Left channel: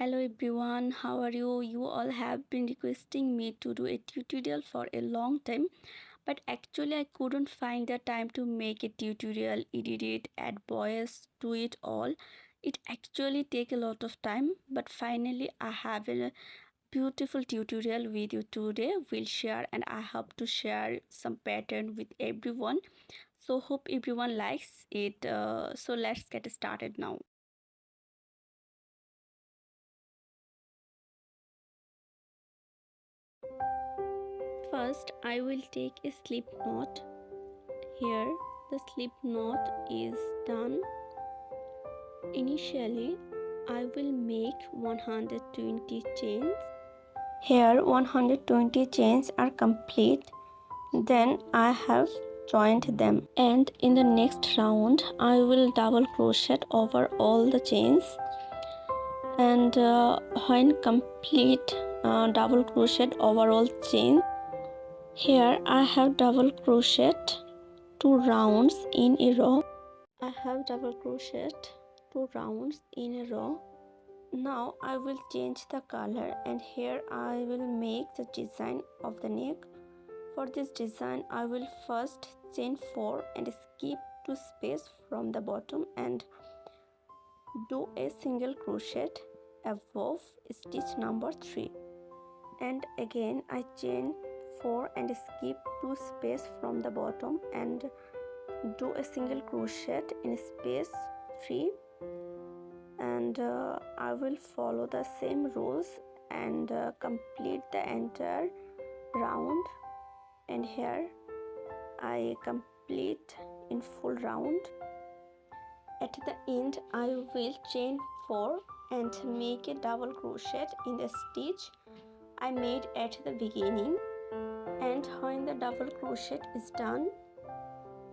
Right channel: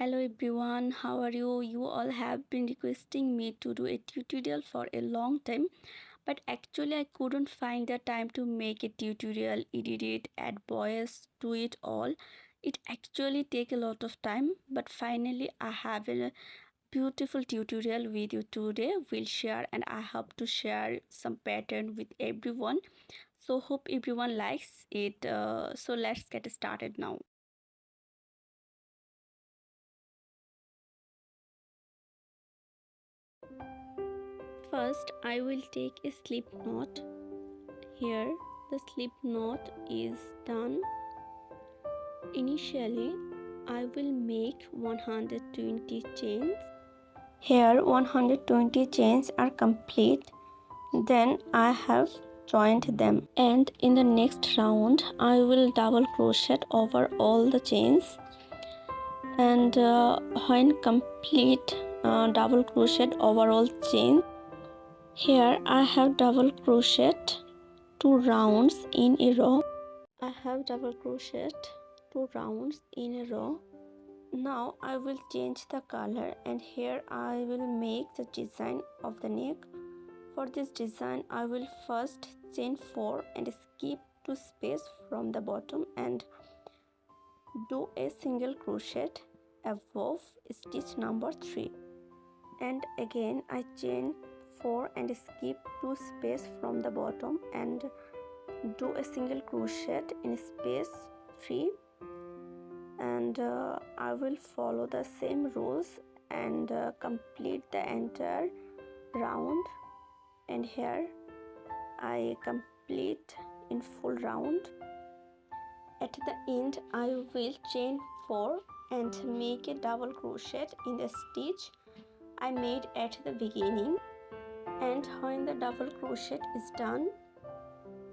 Hello everyone, how are you? You all have been requesting me to do a tutorial for a long time, but actually I couldn't find the time to make a tutorial, edit it, add voice, do it all. It actually take a lot of time, but finally I have a beautiful tutorial with you today. We'll share and I hope to share some pattern with everyone. So hope everyone likes it. So let's get started now. First, I will take a slip knot. Here, the slip knot is done. Initially, I will make 120 chains. Here, 120 chains are complete. Then I have joined them. And in the next round, I will double crochet over all the chains. And when complete double crochet over all chains, here I have double crocheted 2 rounds in a row. I have double crocheted 2 rounds in a row. Now I will change the color and here I will make the design of the neck. For this design I will first chain 4 and skip 2 space from the bottom and do a single crochet above stitch number 3. And again I chain 4 and skip 2 space from the bottom and do a single crochet in space 3, and I will follow the same rules and complete the entire round. And here I complete in full round. At the end I will chain 4 and make a double crochet in the stitch I made at the beginning. And when the double crochet is done,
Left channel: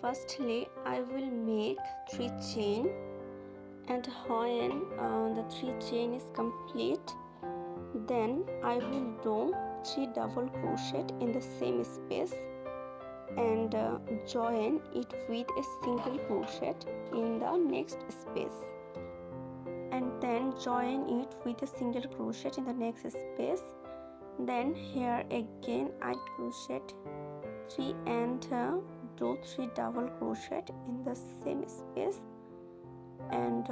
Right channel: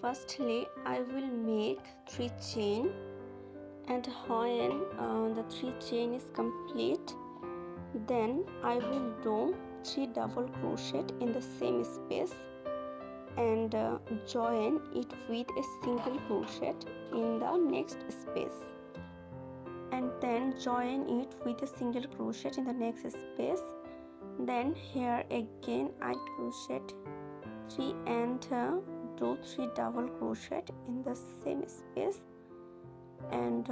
firstly I will make 3 chain, and when the 3 chain is complete, then I will do 3 double crochet in the same space and join it with a single crochet in the next space, and then join it with a single crochet in the next space. Then here again I crochet 3 and do 3 double crochet in the same space and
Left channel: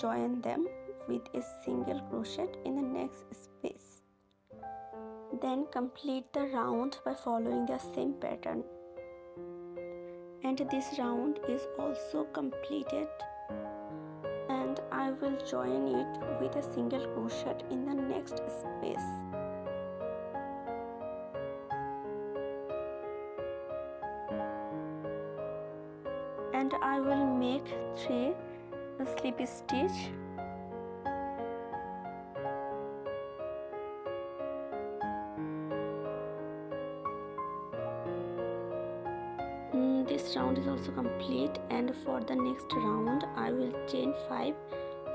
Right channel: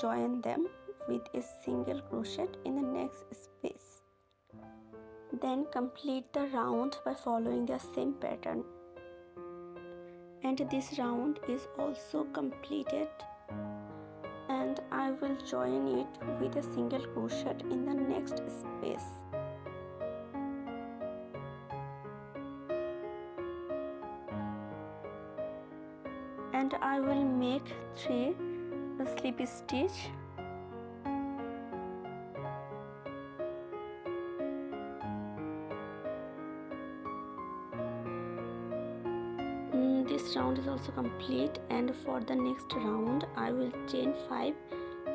join them with a single crochet in the next space. Then complete the round by following the same pattern, and this round is also completed, and I will join it with a single crochet in the next space. And I will make 3 slip stitch. This round is also complete, and for the next round I will chain 5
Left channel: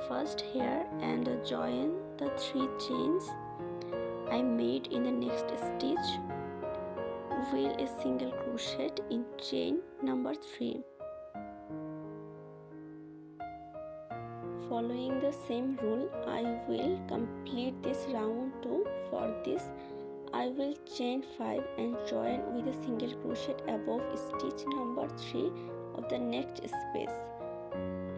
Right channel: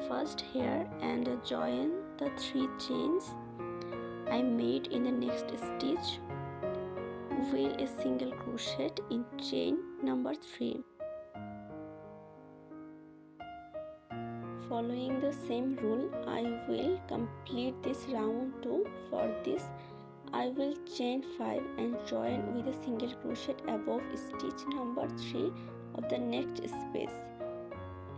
first here and join the 3 chains I made in the next stitch with a single crochet in chain number 3. Following the same rule, I will complete this round too. For this I will chain 5 and join with a single crochet above stitch number 3 of the next space.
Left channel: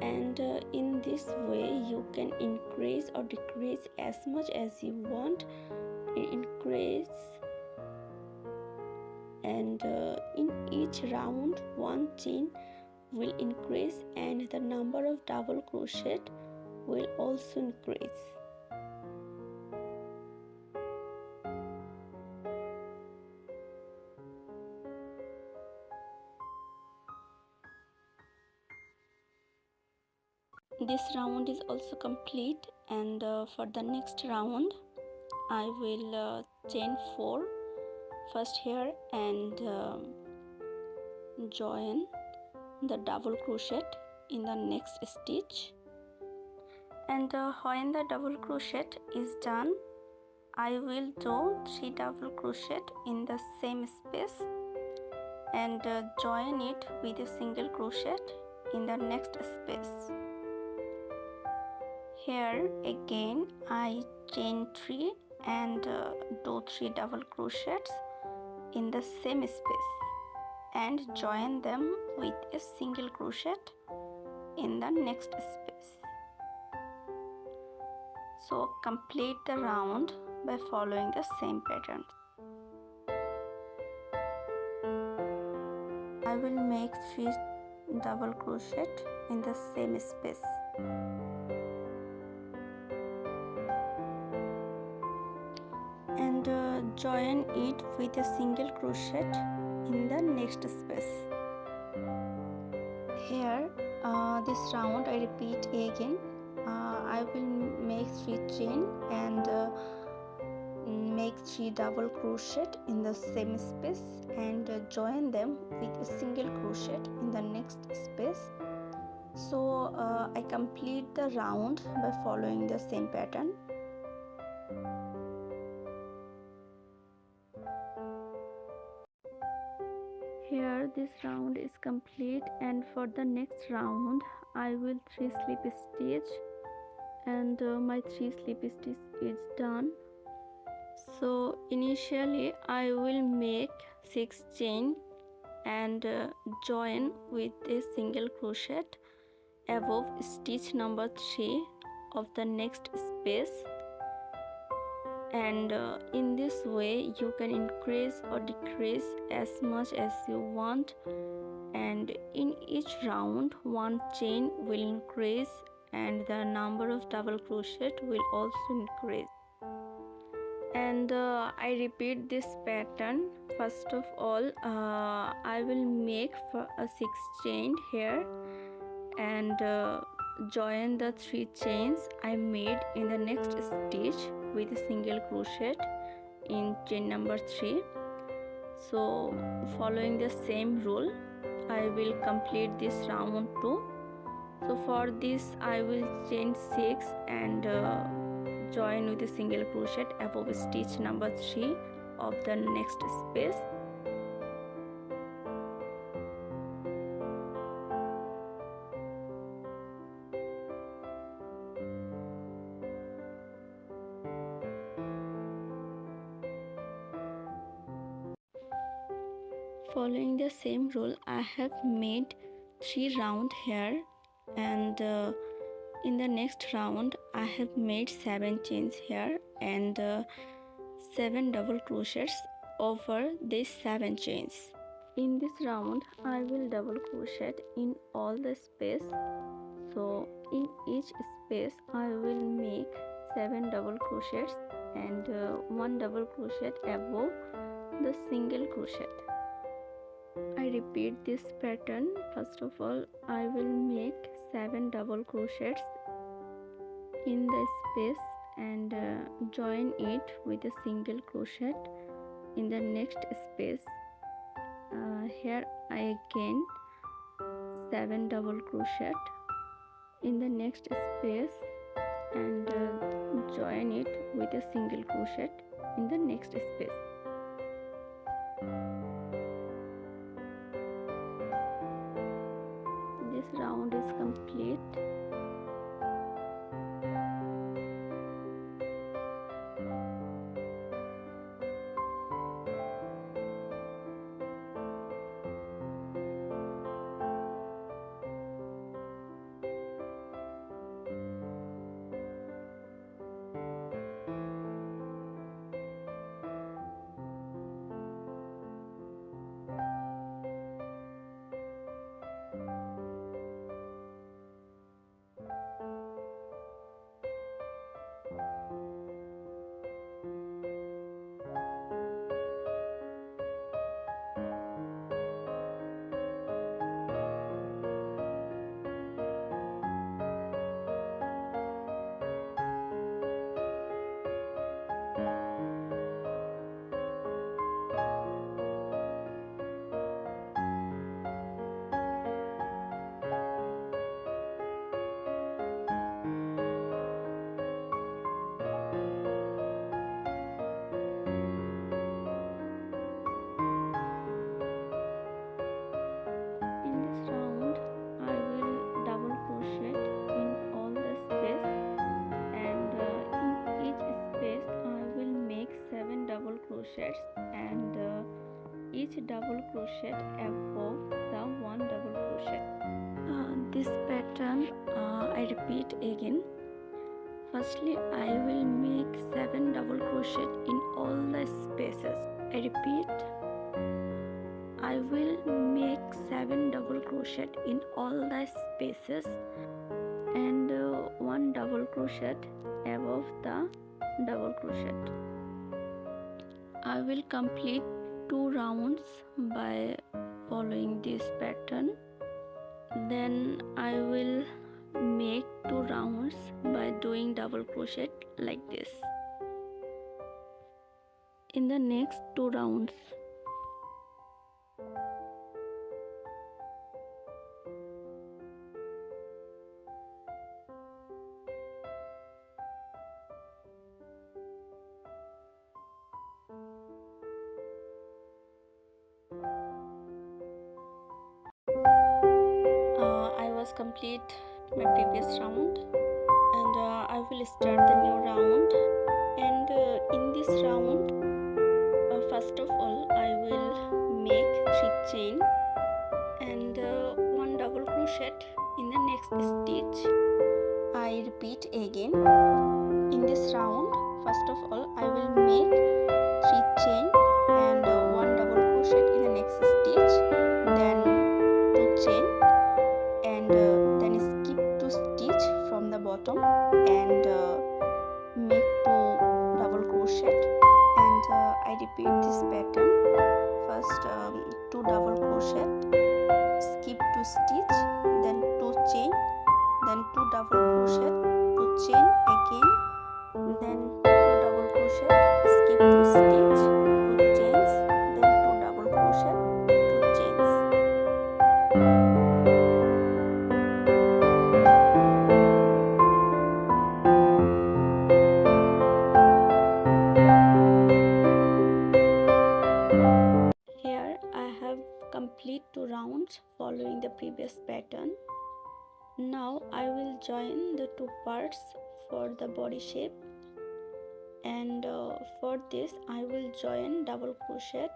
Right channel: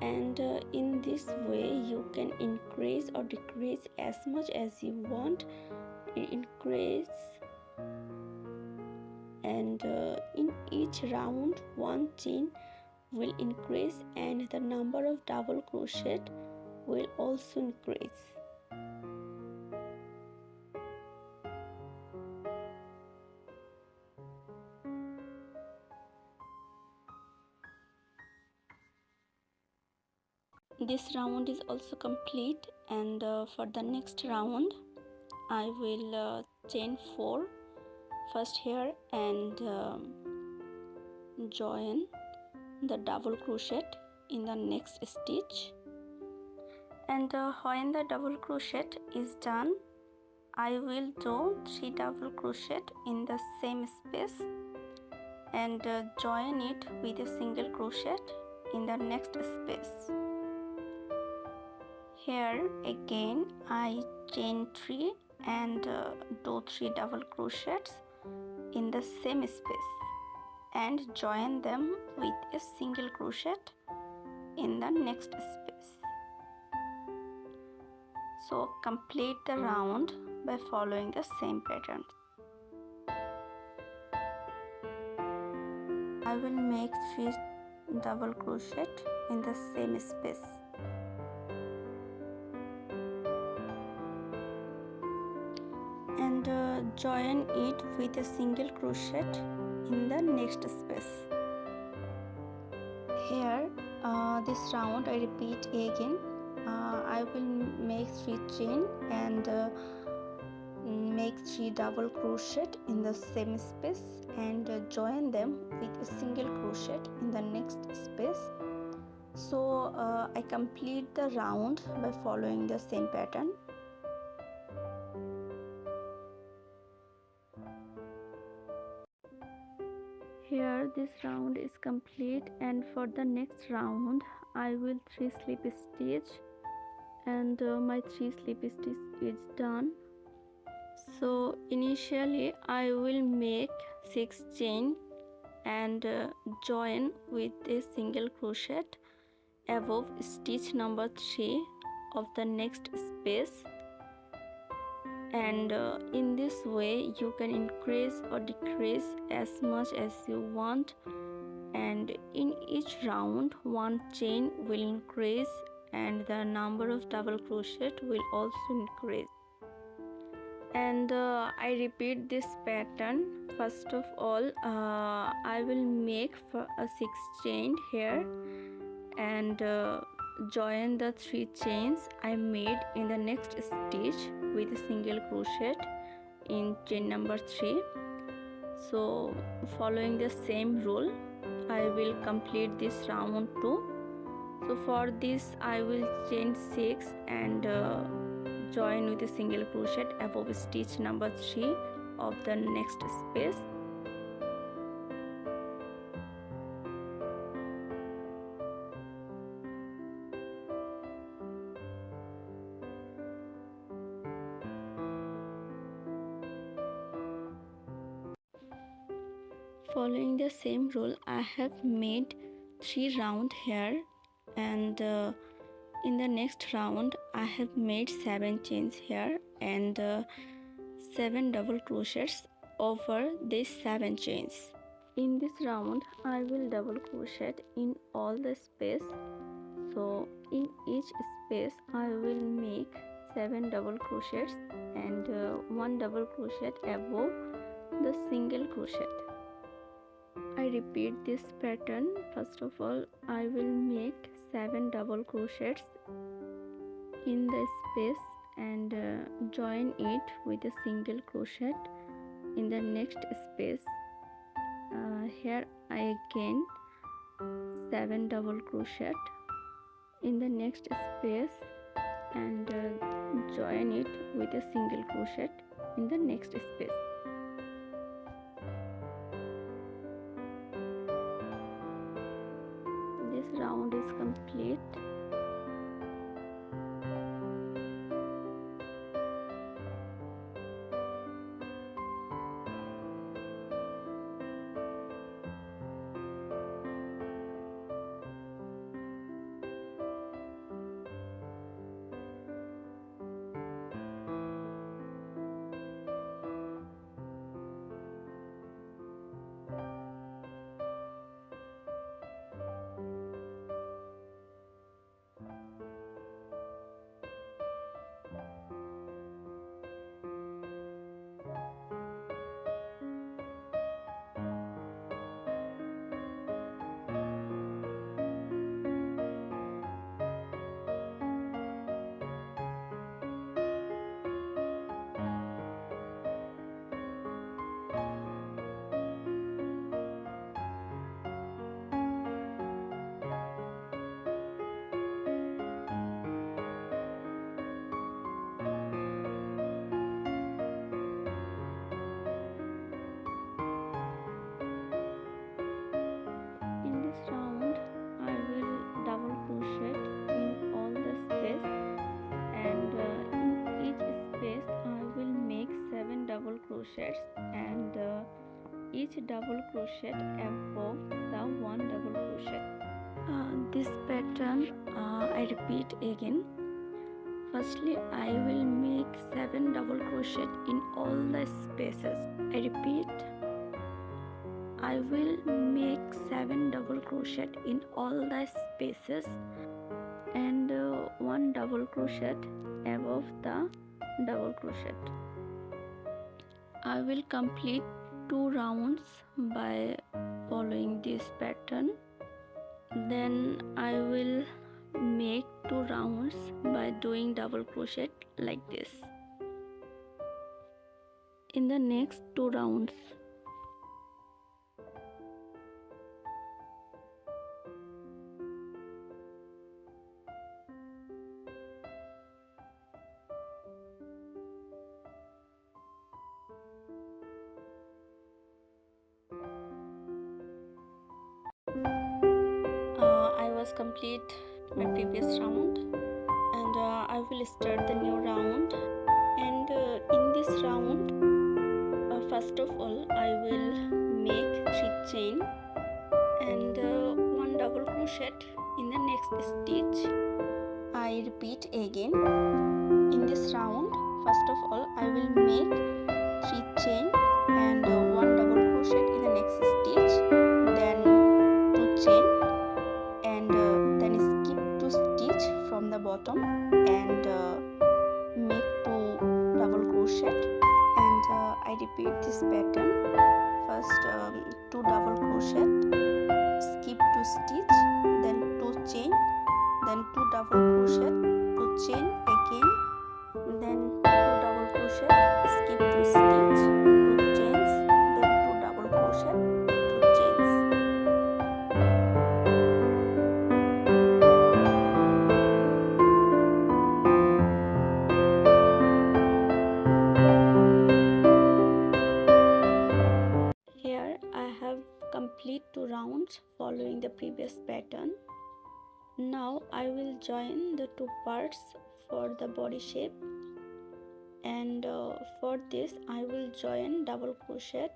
And in this way you can increase or decrease as much as you want. Increase, and in each round 1 chain will increase and the number of double crochet will also increase. This round is also complete, and for the next round I will chain 4 first here and join the double crochet in the next stitch. And when the double crochet is done, I will do 3 double crochet in the same space and join it with a single crochet in the next space. Here again I chain 3 and do 3 double crochets in the same space and join them with a single crochet in the next space. So complete the round by following the same pattern. I will make 3 double crochet in the same space. And join it with a single crochet in the next space. Here this round I repeat again. I will make 3 chain and make 3 double crochet in the same space and join them with a single crochet in the next space. So I complete the round by following the same pattern. Here this round is complete, and for the next round I will 3 slip stitch, and my 3 slip stitch is done. So initially I will make 6 chain and join with a single crochet above stitch number 3 of the next space, and in this way you can increase or decrease as much as you want, and in each round one chain will increase and the number of double crochet will also increase. And I repeat this pattern. First of all I will make for a 6 chain here and join the 3 chains I made in the next stitch with a single crochet in chain number 3. So following the same rule I will complete this round too. So for this I will chain 6 and join with a single crochet above stitch number 3 of the next space. Following the same rule I have made 3 round here, and in the next round I have made 7 chains here and 7 double crochets over these 7 chains. In this round I will double crochet in all the space. So in each space I will make 7 double crochets and 1 double crochet above the single crochet. I repeat this pattern. First of all I will make 7 double crochets in the space and join it with a single crochet in the next space. Here I again 7 double crochet in the next space and join it with a single crochet in the next space. This round is complete. crochets and each double crochet above the one double crochet. This pattern I repeat again. Firstly, I will make 7 double crochet in all the spaces. I repeat, I will make 7 double crochet in all the spaces and 1 double crochet above the double crochet. I will complete 2 rounds by following this pattern. Then I will make 2 rounds by doing double crochet like this in the next 2 rounds. I was complete my previous round and I will start the new round, and in this round first of all I will make 3 chain and 1 double crochet in the next stitch. I repeat again, in this round first of all I will make 3 chain and 1 double crochet in the next stitch, then 2 chain and then skip 2 stitch from the bottom and make 2 double crochet, and I repeat this pattern. First 2 double crochet, skip 2 stitch, then 2 chain, then 2 double crochet, 2 chain again, then 2 double crochet, skip 2 stitch, 2 chains, then 2 double crochet, 2 chains. Here I have complete 2 rounds following the previous pattern. Now I will join the 2 parts for the body shape, and for this I will join double crochet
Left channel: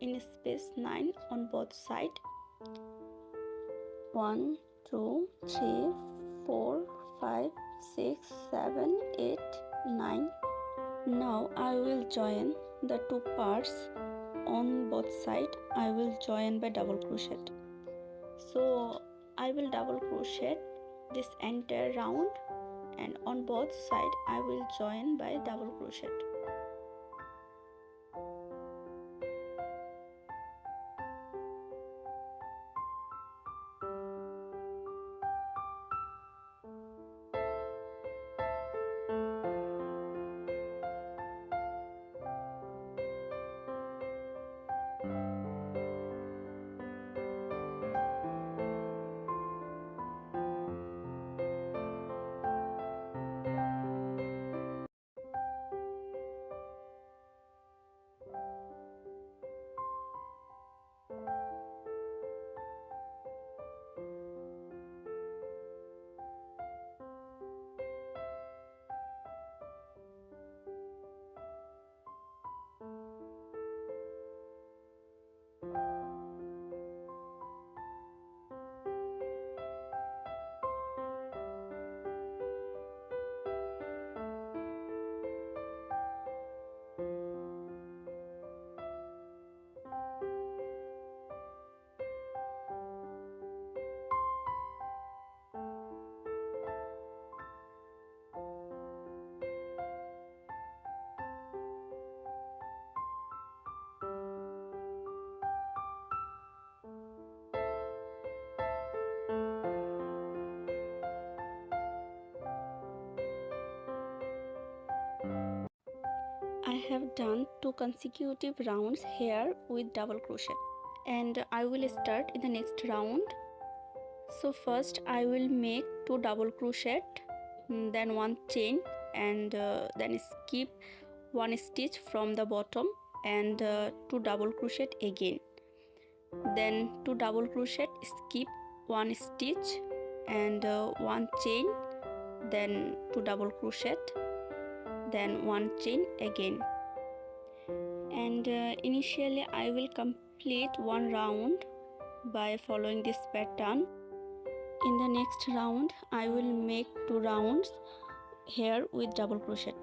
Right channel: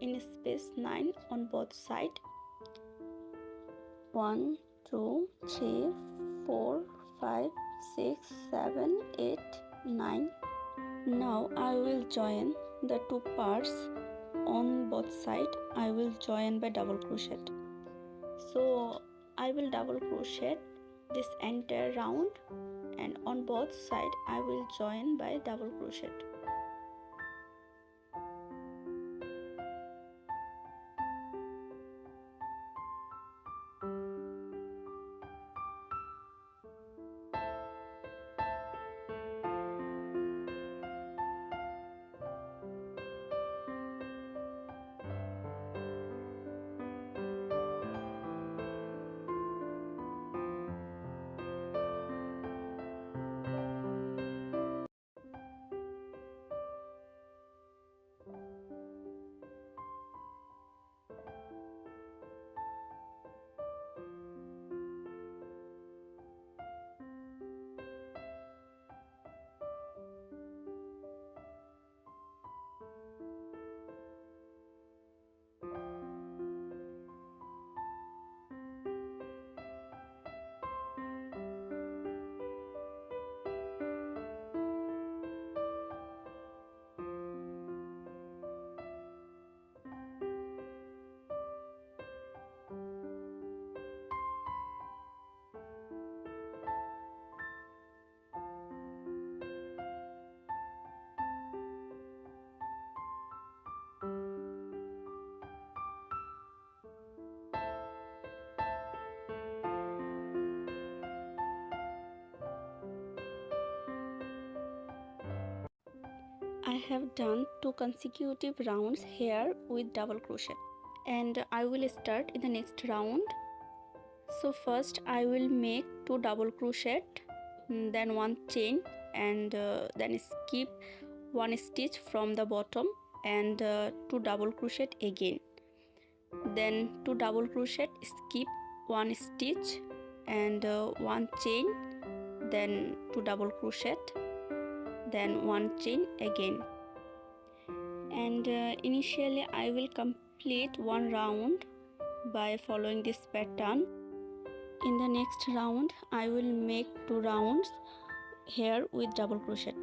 in space 9 on both sides. 1 2 3 4 5 6 7 8 9. Now I will join the 2 parts on both sides. I will join by double crochet. So I will double crochet this entire round, and on both sides I will join by double crochet. I have done 2 consecutive rounds here with double crochet, and I will start in the next round. So first I will make 2 double crochet, then 1 chain, and then skip 1 stitch from the bottom and 2 double crochet again, then 2 double crochet, skip 1 stitch and 1 chain, then 2 double crochet, then 1 chain again, and initially I will complete one round by following this pattern. In the next round I will make 2 rounds here with double crochet.